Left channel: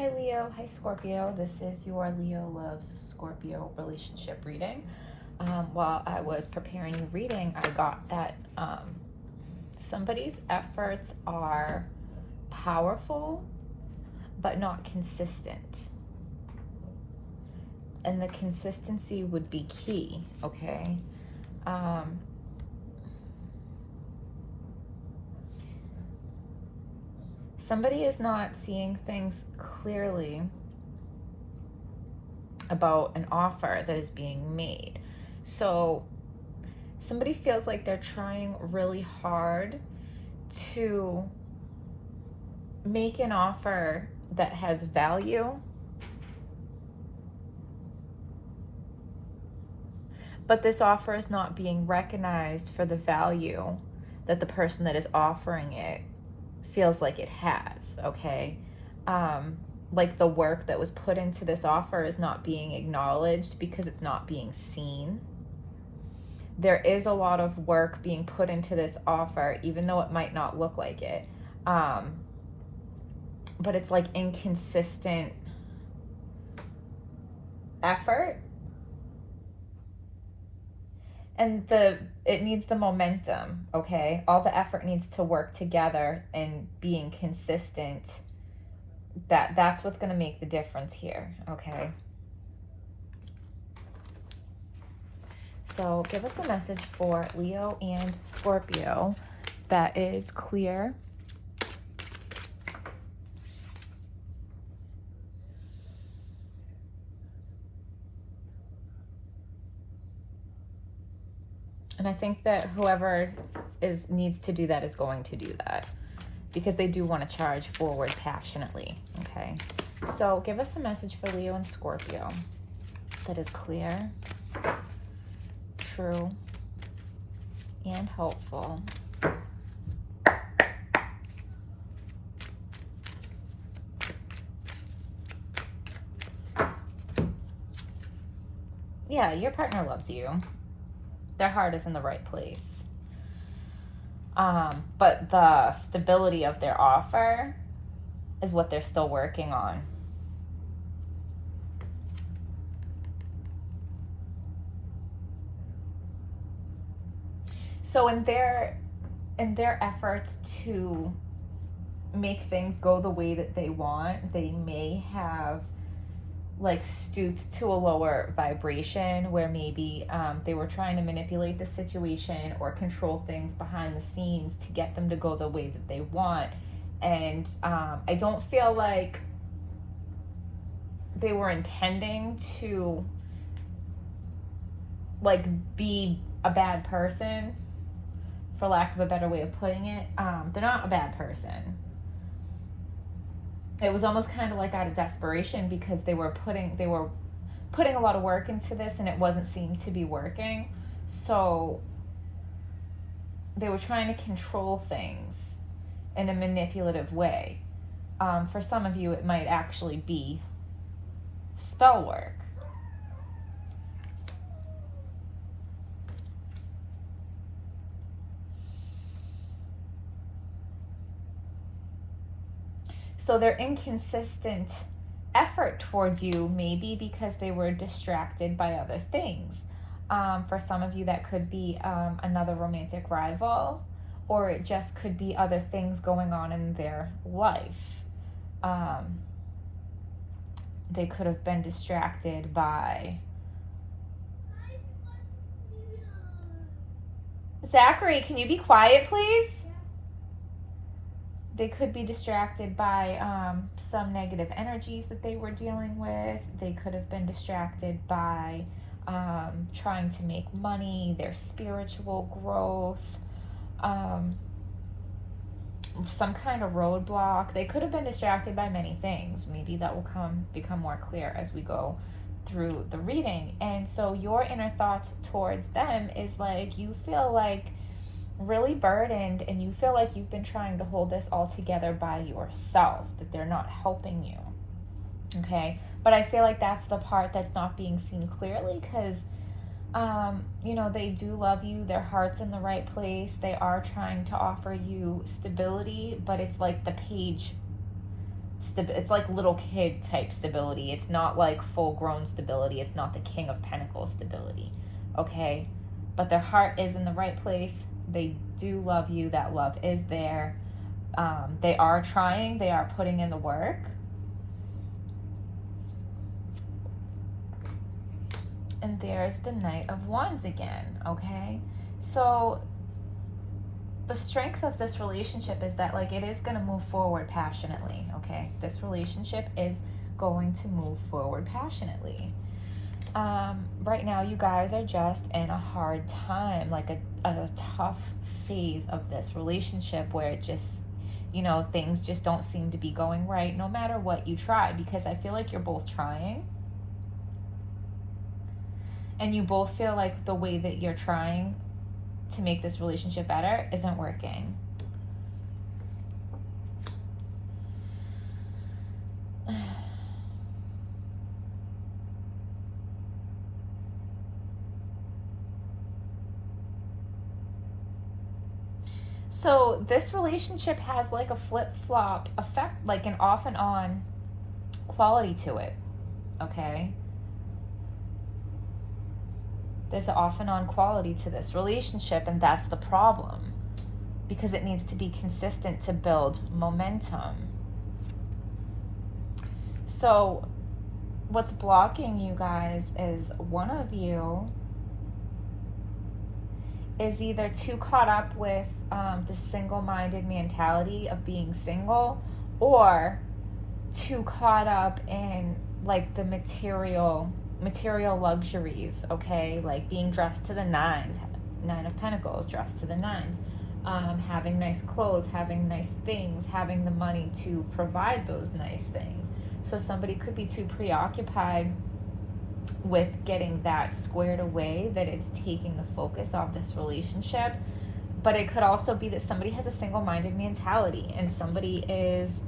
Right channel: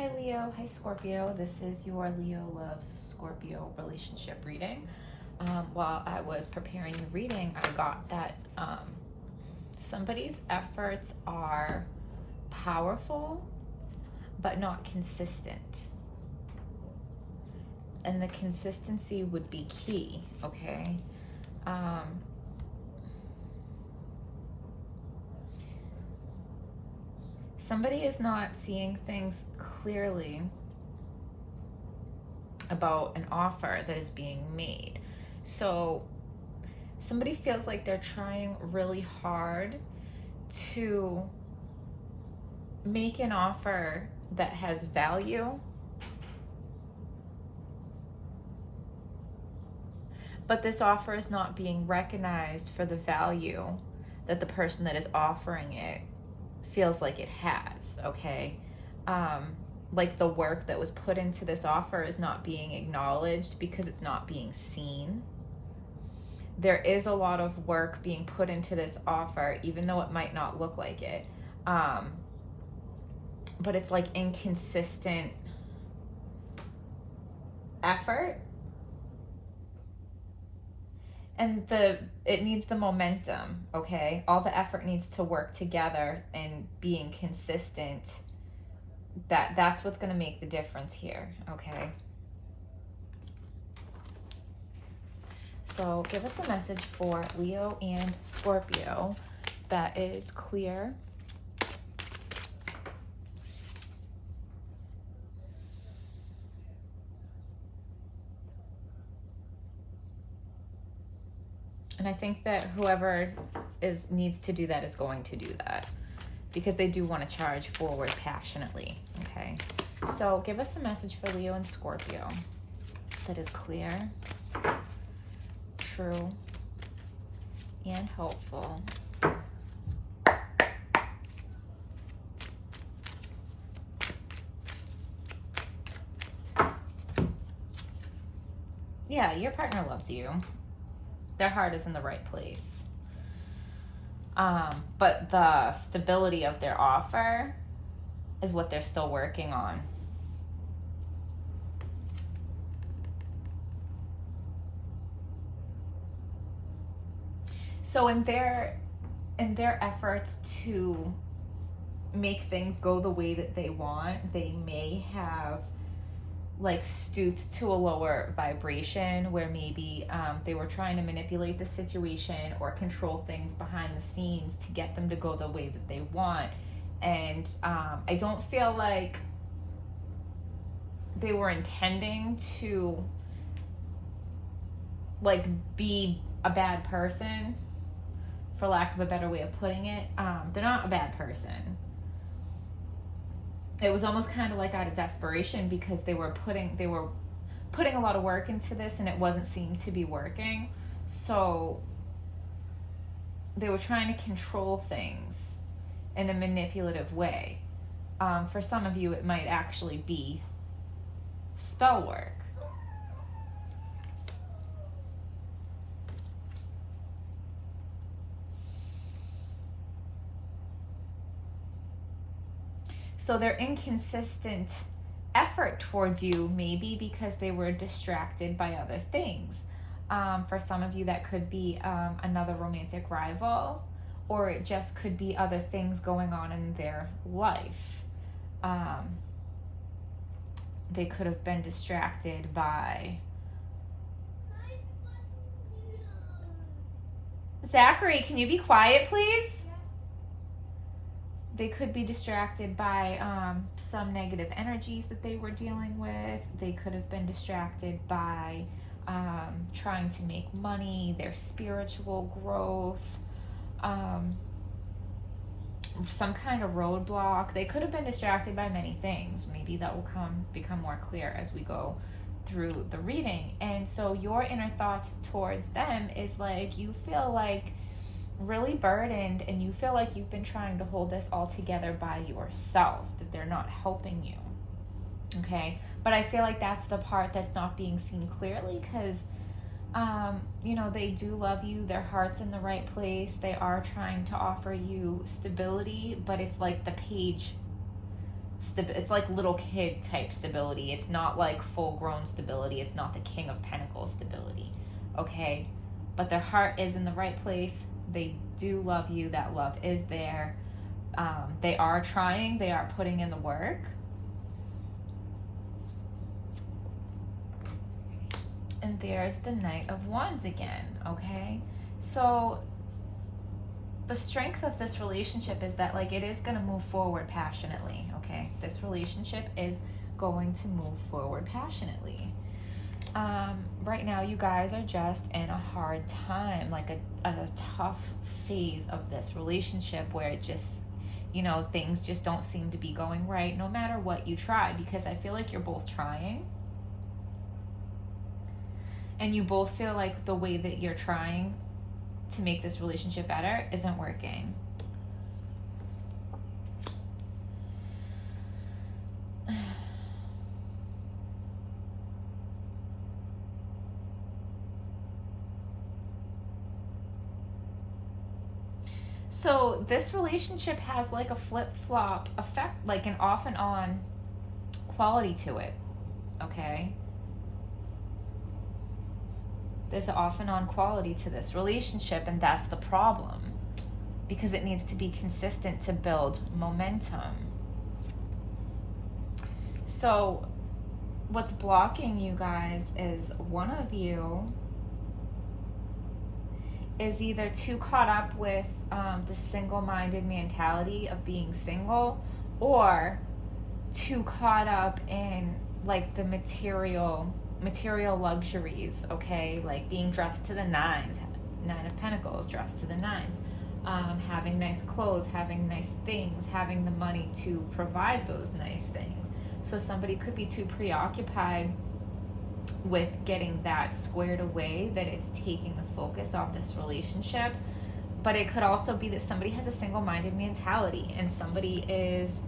Hi Leo, hi Scorpio. This is your Leo Loves Scorpio relationship reading. While I was preparing the reading, I got that somebody's efforts are powerful but not consistent. And the consistency would be key, okay? Somebody is not seeing things clearly about an offer that is being made. So somebody feels like they're trying really hard to make an offer that has value, but this offer is not being recognized for the value that the person that is offering it feels like it has, okay? Like the work that was put into this offer is not being acknowledged because it's not being seen. There is a lot of work being put into this offer, even though it might not look like it. But it's like inconsistent effort. And it needs the momentum, okay? All the effort needs to work together and being consistent. That's what's going to make the difference here, okay? So give us a message for Leo and Scorpio that is clear. And I think that whoever needs to do that is going to do that because they do want to charge forward passionately, okay? So give us a message for Leo and Scorpio that is clear, true, and helpful. Yeah, your partner loves you. Their heart is in the right place. But the stability of their offer is what they're still working on. So in their efforts to make things go the way that they want, they may have like stooped to a lower vibration where maybe they were trying to manipulate the situation or control things behind the scenes to get them to go the way that they want. And I don't feel like they were intending to like be a bad person, for lack of a better way of putting it. They're not a bad person. It was almost kind of like out of desperation because they were putting a lot of work into this and it wasn't seem to be working. So they were trying to control things in a manipulative way. For some of you, it might actually be spell work. So their inconsistent effort towards you may be because they were distracted by other things. For some of you, that could be another romantic rival, or it just could be other things going on in their life. They could have been distracted by... Zachary, can you be quiet, please? They could be distracted by some negative energies that they were dealing with. They could have been distracted by trying to make money, their spiritual growth, some kind of roadblock. They could have been distracted by many things. Maybe that will become more clear as we go through the reading. And so your inner thoughts towards them is like, you feel like really burdened and you feel like you've been trying to hold this all together by yourself, that they're not helping you, okay? But I feel like that's the part that's not being seen clearly because they do love you, their heart's in the right place, they are trying to offer you stability, but it's like the page It's like little kid type stability. It's not like full grown stability. It's not the King of Pentacles stability. Okay? But their heart is in the right place. They do love you. That love is there. They are trying. They are putting in the work. And there's the Knight of Wands again, okay? So the strength of this relationship is that, like, it is going to move forward passionately, okay? This relationship is going to move forward passionately. Right now, you guys are just in a hard time, like a tough phase of this relationship where it just, you know, things just don't seem to be going right no matter what you try, because I feel like you're both trying. And you both feel like the way that you're trying to make this relationship better isn't working. So this relationship has like a flip-flop effect, like an off and on quality to it, okay? There's an off and on quality to this relationship, and that's the problem, because it needs to be consistent to build momentum. So what's blocking you guys is one of you is either too caught up with the single-minded mentality of being single, or too caught up in like the material luxuries, okay? Like being dressed to the nines, Nine of Pentacles, dressed to the nines, having nice clothes, having nice things, having the money to provide those nice things. So somebody could be too preoccupied with getting that squared away that it's taking the focus off this relationship. But it could also be that somebody has a single-minded mentality and somebody is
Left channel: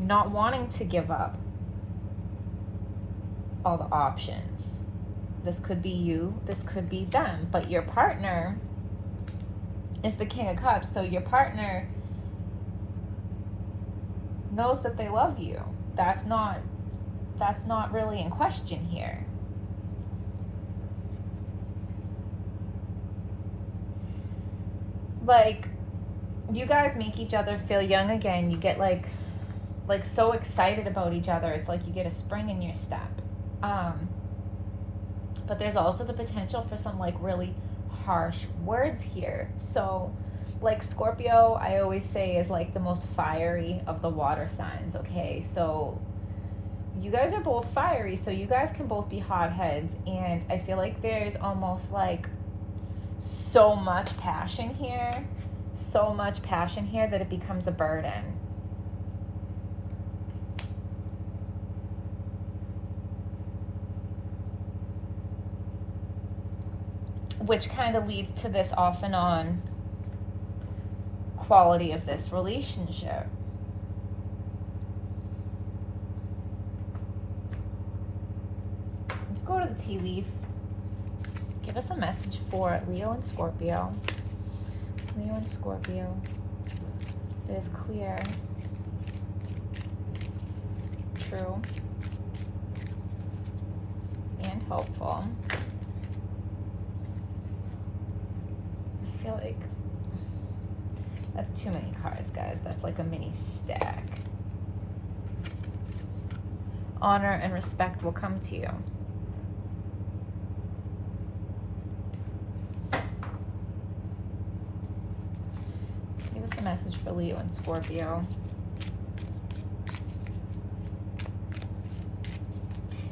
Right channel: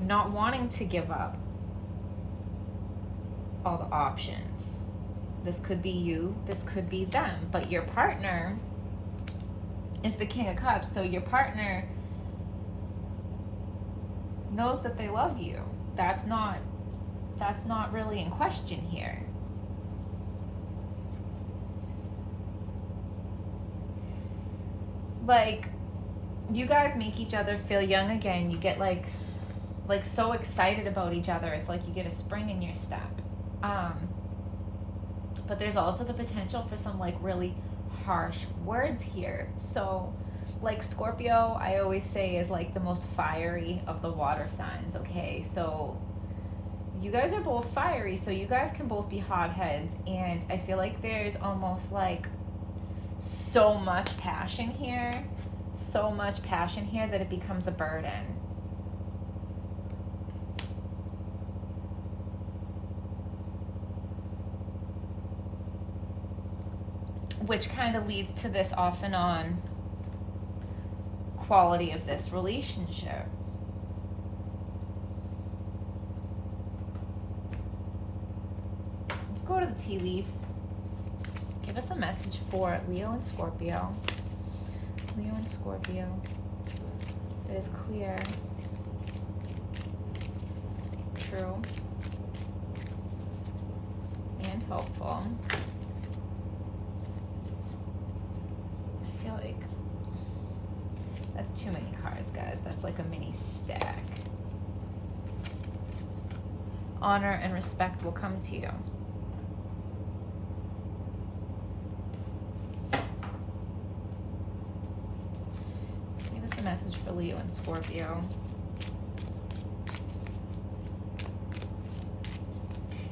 not wanting to give up all the options. This could be you, this could be them, but your partner is the King of Cups, so your partner knows that they love you. That's not really in question here. Like, you guys make each other feel young again. You get like so excited about each other. It's like you get a spring in your step. But there's also the potential for some like really harsh words here. So like Scorpio, I always say, is like the most fiery of the water signs, okay? So you guys are both fiery, so you guys can both be hotheads, and I feel like there's almost like so much passion here that it becomes a burden. Which kind of leads to this off and on quality of this relationship. Let's go to the tea leaf. Give us a message for Leo and Scorpio. Leo and Scorpio. It is clear, true, and helpful. I feel like that's too many cards, guys. That's like a mini stack. Honor and respect will come to you. Give us a message for Leo and Scorpio.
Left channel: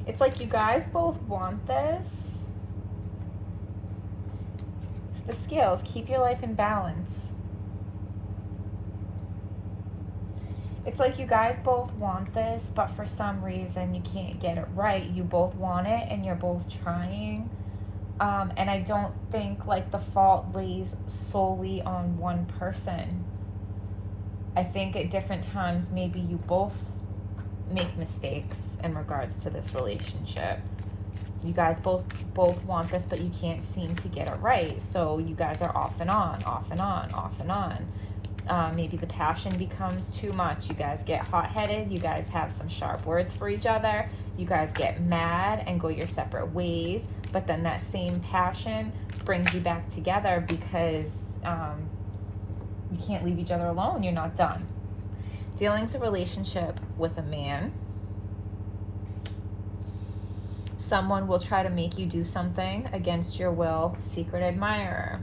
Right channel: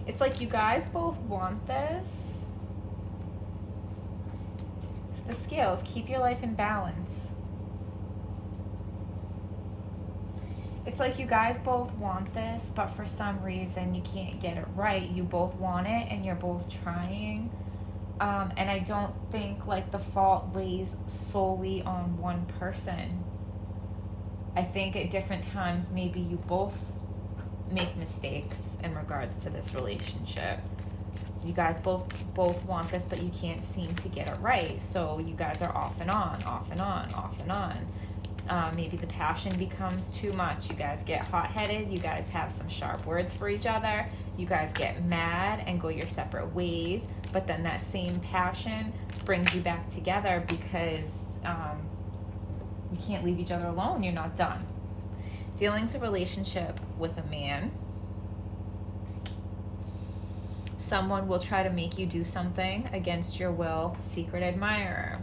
It's like you guys both want this. The scales, keep your life in balance. It's like you guys both want this, but for some reason you can't get it right. You both want it and you're both trying. And I don't think like the fault lays solely on one person. I think at different times maybe you both make mistakes in regards to this relationship. You guys both want this, but you can't seem to get it right. So you guys are off and on, off and on, off and on. Maybe the passion becomes too much. You guys get hot-headed. You guys have some sharp words for each other. You guys get mad and go your separate ways. But then that same passion brings you back together because you can't leave each other alone. You're not done. Dealing's a relationship with a man. Someone will try to make you do something against your will. Secret admirer.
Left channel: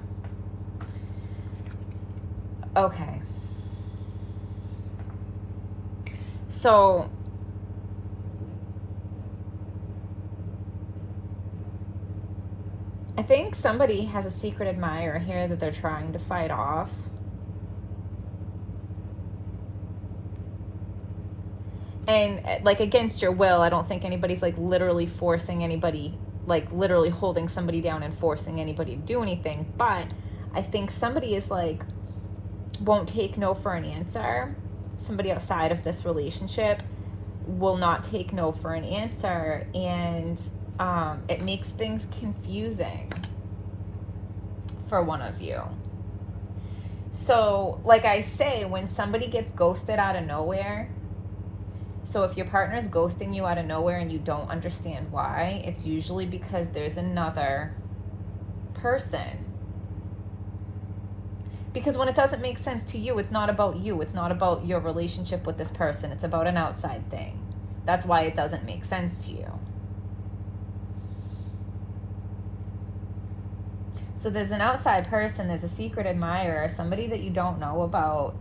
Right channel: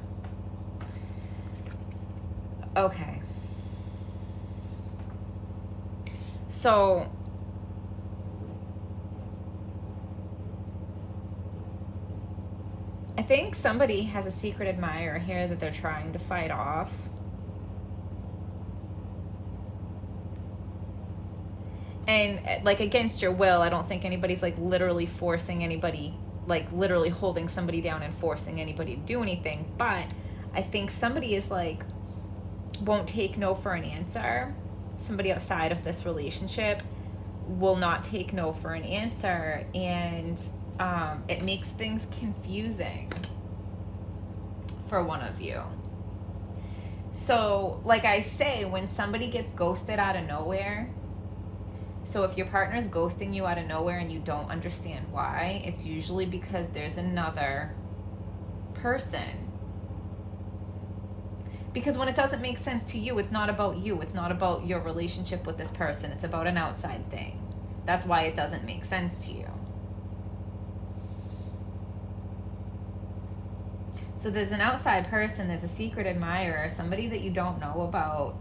Okay. So I think somebody has a secret admirer here that they're trying to fight off. And like against your will, I don't think anybody's like literally forcing anybody, like literally holding somebody down and forcing anybody to do anything. But I think somebody is like, won't take no for an answer. Somebody outside of this relationship will not take no for an answer. And it makes things confusing for one of you. So like I say, when somebody gets ghosted out of nowhere, so if your partner is ghosting you out of nowhere and you don't understand why, it's usually because there's another person. Because when it doesn't make sense to you, it's not about you. It's not about your relationship with this person. It's about an outside thing. That's why it doesn't make sense to you. So there's an outside person, there's a secret admirer, somebody that you don't know about,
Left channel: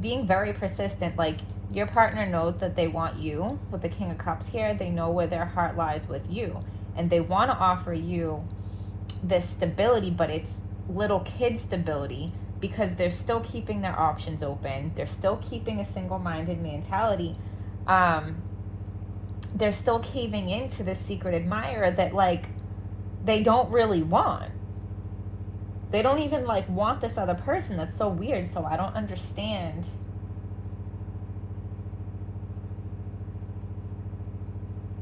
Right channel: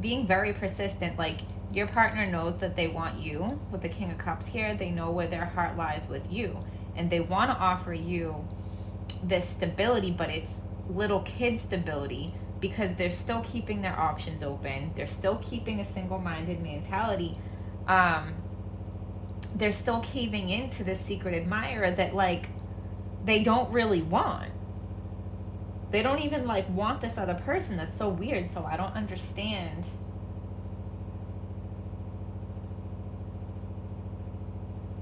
being very persistent. Like, your partner knows that they want you. With the King of Cups here, they know where their heart lies with you. And they want to offer you this stability, but it's little kid stability because they're still keeping their options open. They're still keeping a single-minded mentality. They're still caving into this secret admirer that, like, they don't really want. They don't even, like, want this other person. That's so weird. So I don't understand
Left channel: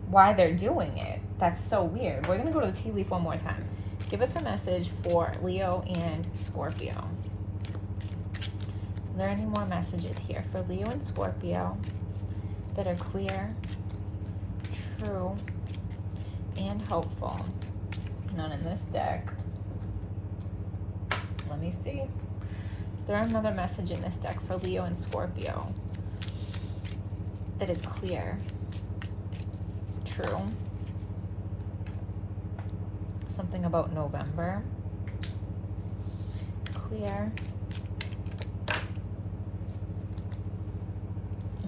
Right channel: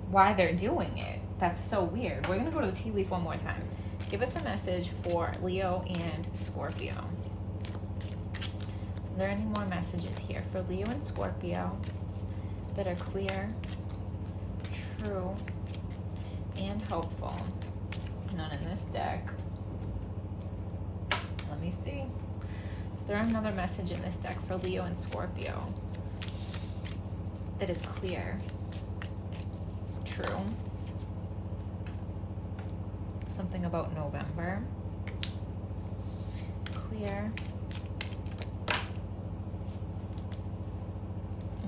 why they're doing it. That's so weird. We're going to go to the tea leaf one more time. Give us a message for Leo and Scorpio. Are there any more messages here for Leo and Scorpio that are clear, true, and helpful? None in this deck. Let me see. Is there another message in this deck for Leo and Scorpio that is clear, true? Something about November. Clear.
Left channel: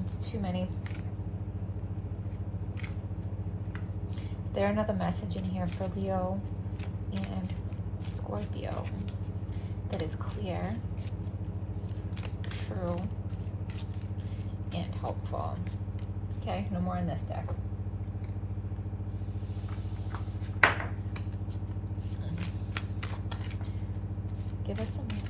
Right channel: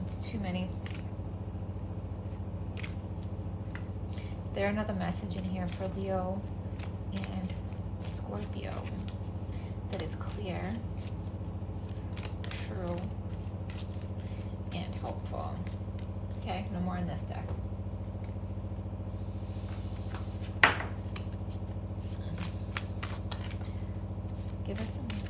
It's too many. Is there another message in here for Leo and Scorpio that is clear, true, and helpful? Okay, no more in this deck. Give us some message.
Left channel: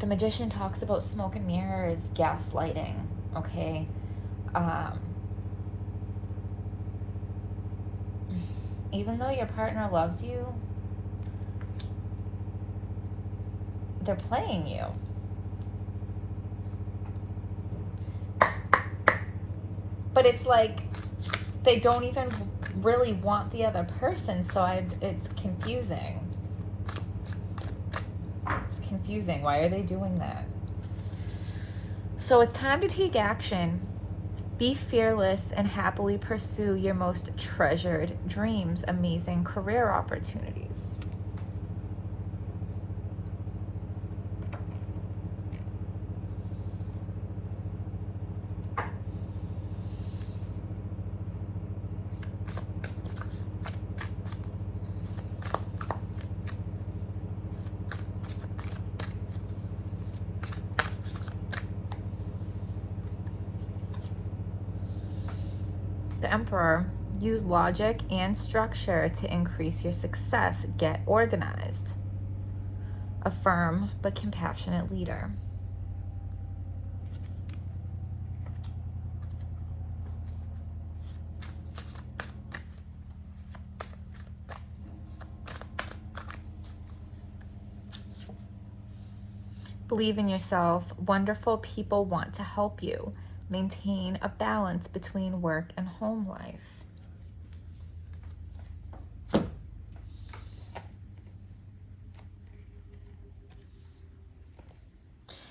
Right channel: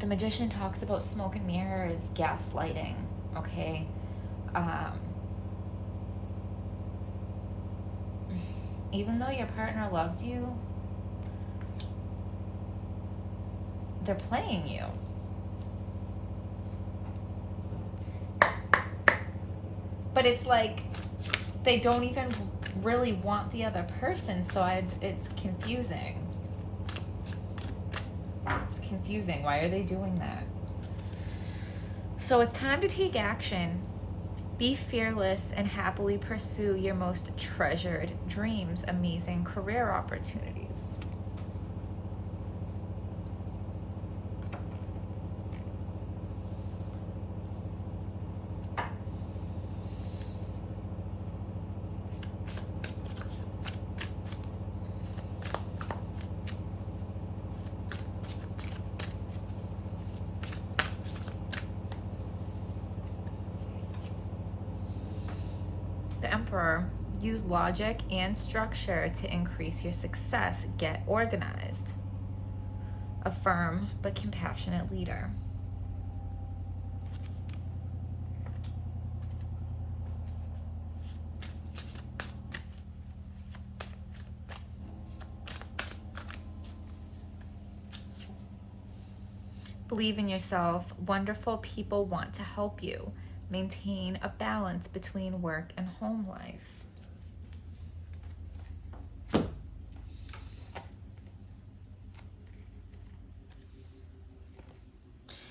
The Magician talks about smoke and mirrors, gaslighting, okay? Even though your partner loves you, they're playing you. But it's like they don't even really want the other person, so it's confusing. Confusing. Why are they doing that? So it's time to take action. Be fearless and happily pursue your most treasured dreams, amazing career opportunities. The Emperor. Use logic and structure to increase your success. Get organized. A firm but compassionate leader. Believe in yourself. Wonderful people want to help you. Maintain a balance between work and home life.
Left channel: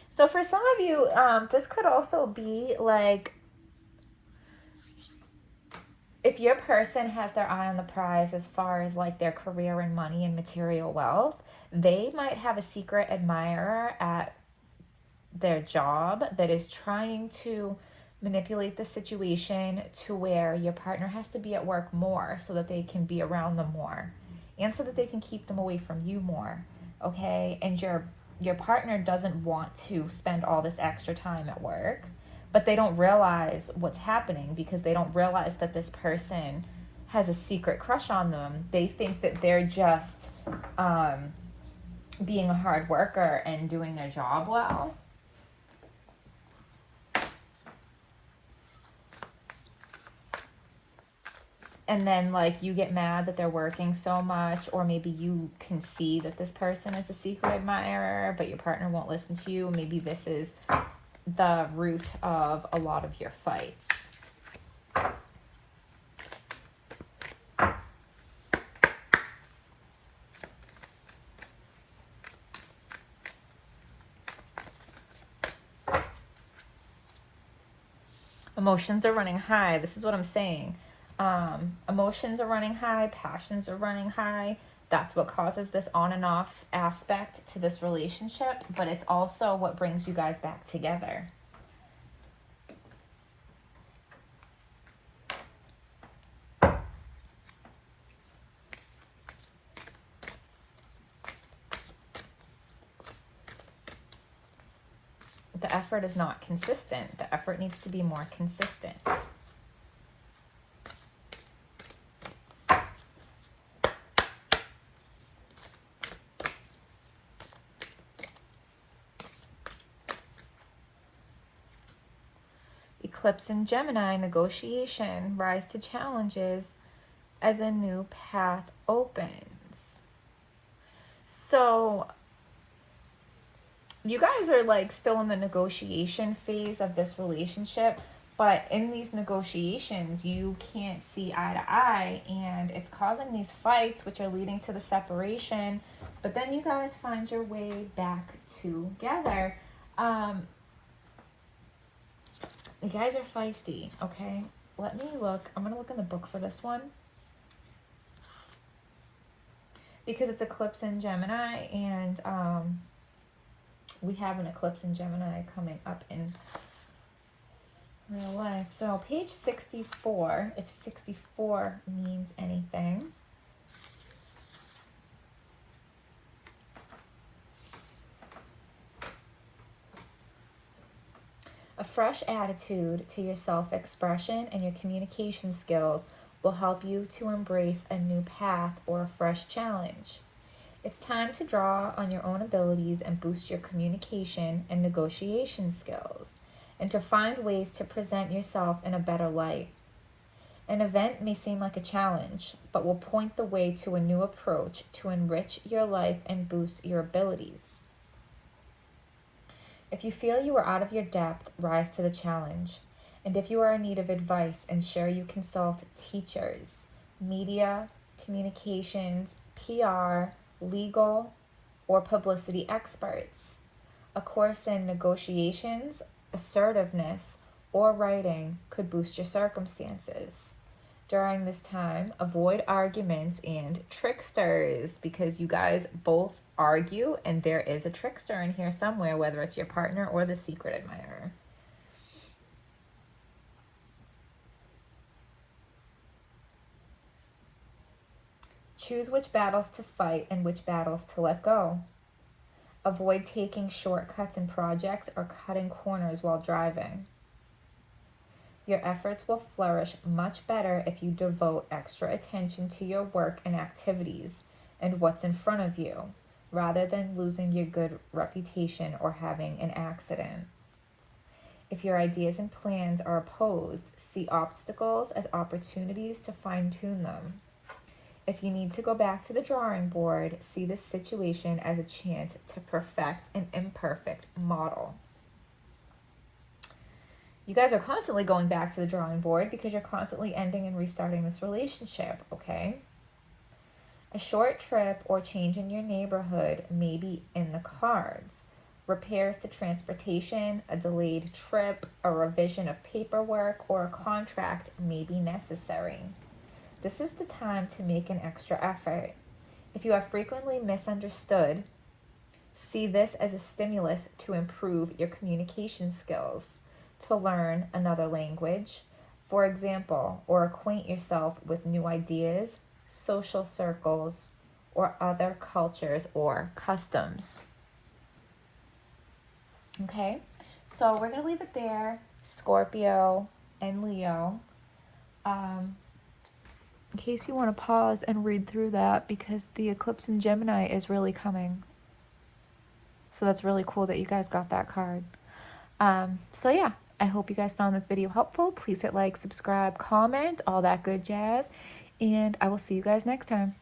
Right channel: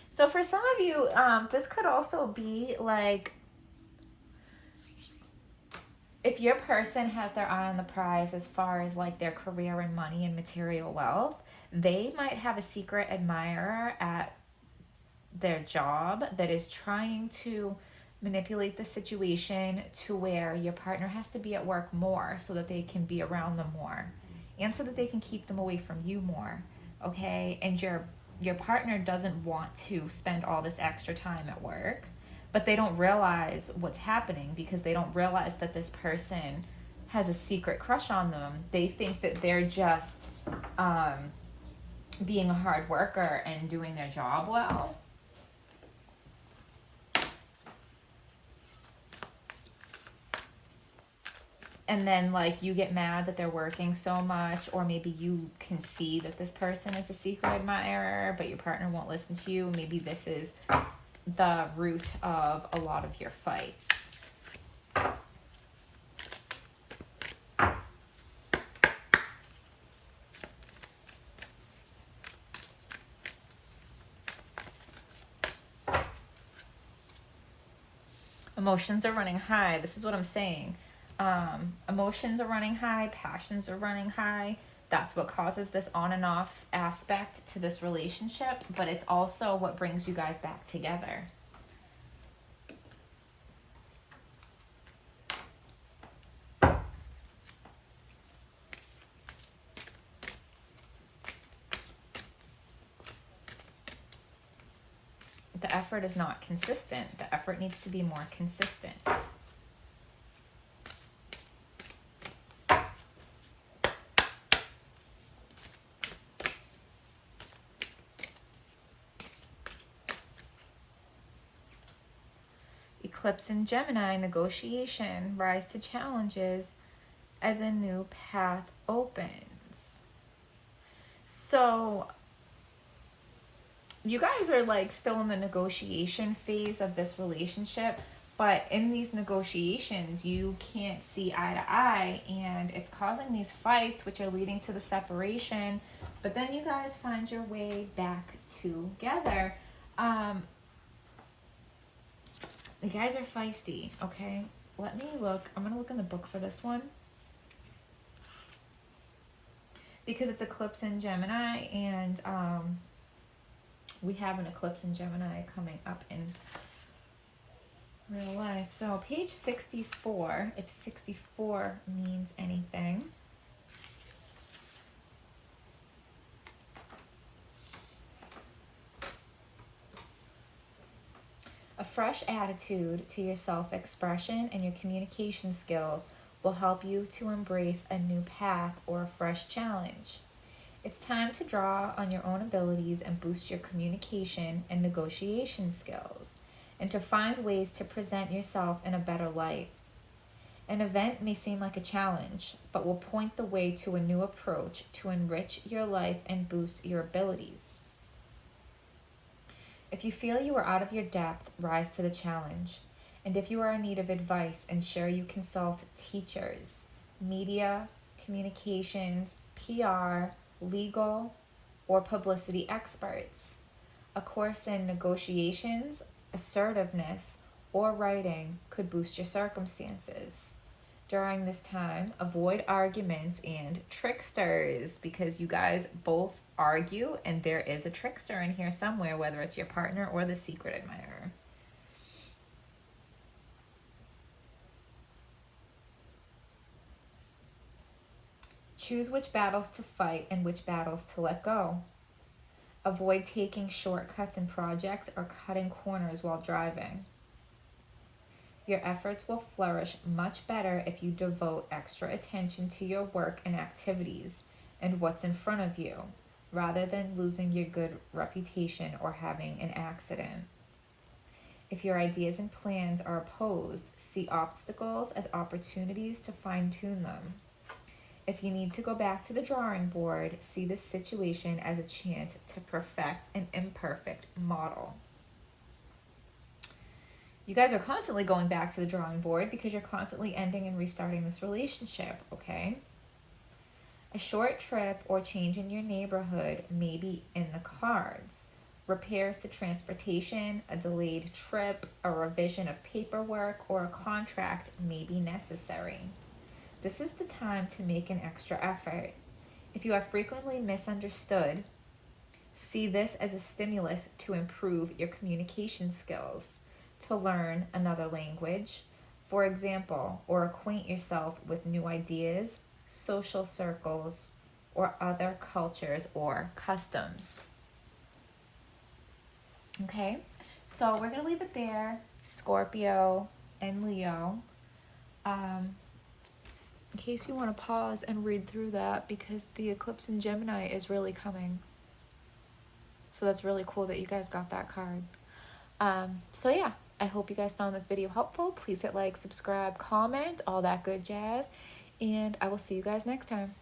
So for some of you, this could also be like, if your person has their eye on the prize as far as like their career and money and material wealth, they might have a secret admirer at their job that is trying to manipulate the situation to where your partner has to be at work more so that they can be around them more and so that they can keep them away from you more. Okay? And your partner doesn't want to spend all this extra time at work, but they don't realize what's happening because they don't realize that this person has a secret crush on them. They think that they're just being a hard worker and doing their job well. And then like you get mad that they're working so much, or maybe you can see that this person is a secret admirer, but your partner won't listen to you. Maybe this is the root of a lot of your fights. Emotions are running high. This is what I'm saying. Emotions are running high, passions are running high. That's what causes this on and off aspect to this relationship, but it's also what brings you guys back together. The effort is not consistent. The effort needs to be more consistent. Eclipse in Gemini, negotiation, rise to challenges as a new path opens. So you guys are like still in the negotiation phase of this relationship, but in these negotiations you can't see eye to eye, and it's causing these fights which are leading to the separation, but then you guys find your way back together. You guys are feisty, okay? Let me look. I'm going to look in the book for this one. Because it's eclipse in Gemini, and we have an eclipse in Gemini coming up in real life. So page 64, if 64 means anything. A fresh attitude to your self-expression and your communication skills will help you to embrace a new path or a fresh challenge. It's time to draw on your own abilities and boost your communication and negotiation skills, and to find ways to present yourself in a better light. An event may seem like a challenge, but will point the way to a new approach to enrich your life and boost your abilities. If you feel you are out of your depth, rise to the challenge. And if you are in need of advice, ensure you consult teachers, media, communications, PR, legal, or publicity experts. A course in negotiations, assertiveness, or writing could boost your circumstances. During this time, avoid arguments and tricksters, because you guys both argue and there is a trickster in here somewhere, whether it's your partner or the secret admirer. Choose which battles to fight and which battles to let go. Avoid taking shortcuts in projects or cutting corners while driving. Your efforts will flourish much better if you devote extra attention to your work and activities and what's in front of you, rather than losing your good reputation or having an accident. If your ideas and plans are opposed, see obstacles as opportunities to fine-tune them. If you need to go back to the drawing board, see this situation as a chance to perfect an imperfect model. You guys are constantly going back to the drawing board because you're constantly ending and restarting this relationship, okay? A short trip or change in your neighborhood may be in the cards. Repairs to transportation, a delayed trip, a revision of paperwork, or a contract may be necessary. This is the time to make an extra effort. If you are frequently misunderstood, see this as a stimulus to improve your communication skills, to learn another language, for example, or acquaint yourself with new ideas, social circles, or other cultures or customs. Okay, so we're going to leave it there, Scorpio and Leo. In case you want to pause and read through that, because the eclipse in Gemini is really coming. So that's really cool that you guys got that card. So yeah, I hope you guys found this video helpful. Please hit like, subscribe, comment, all that good jazz. And I will see you guys next time.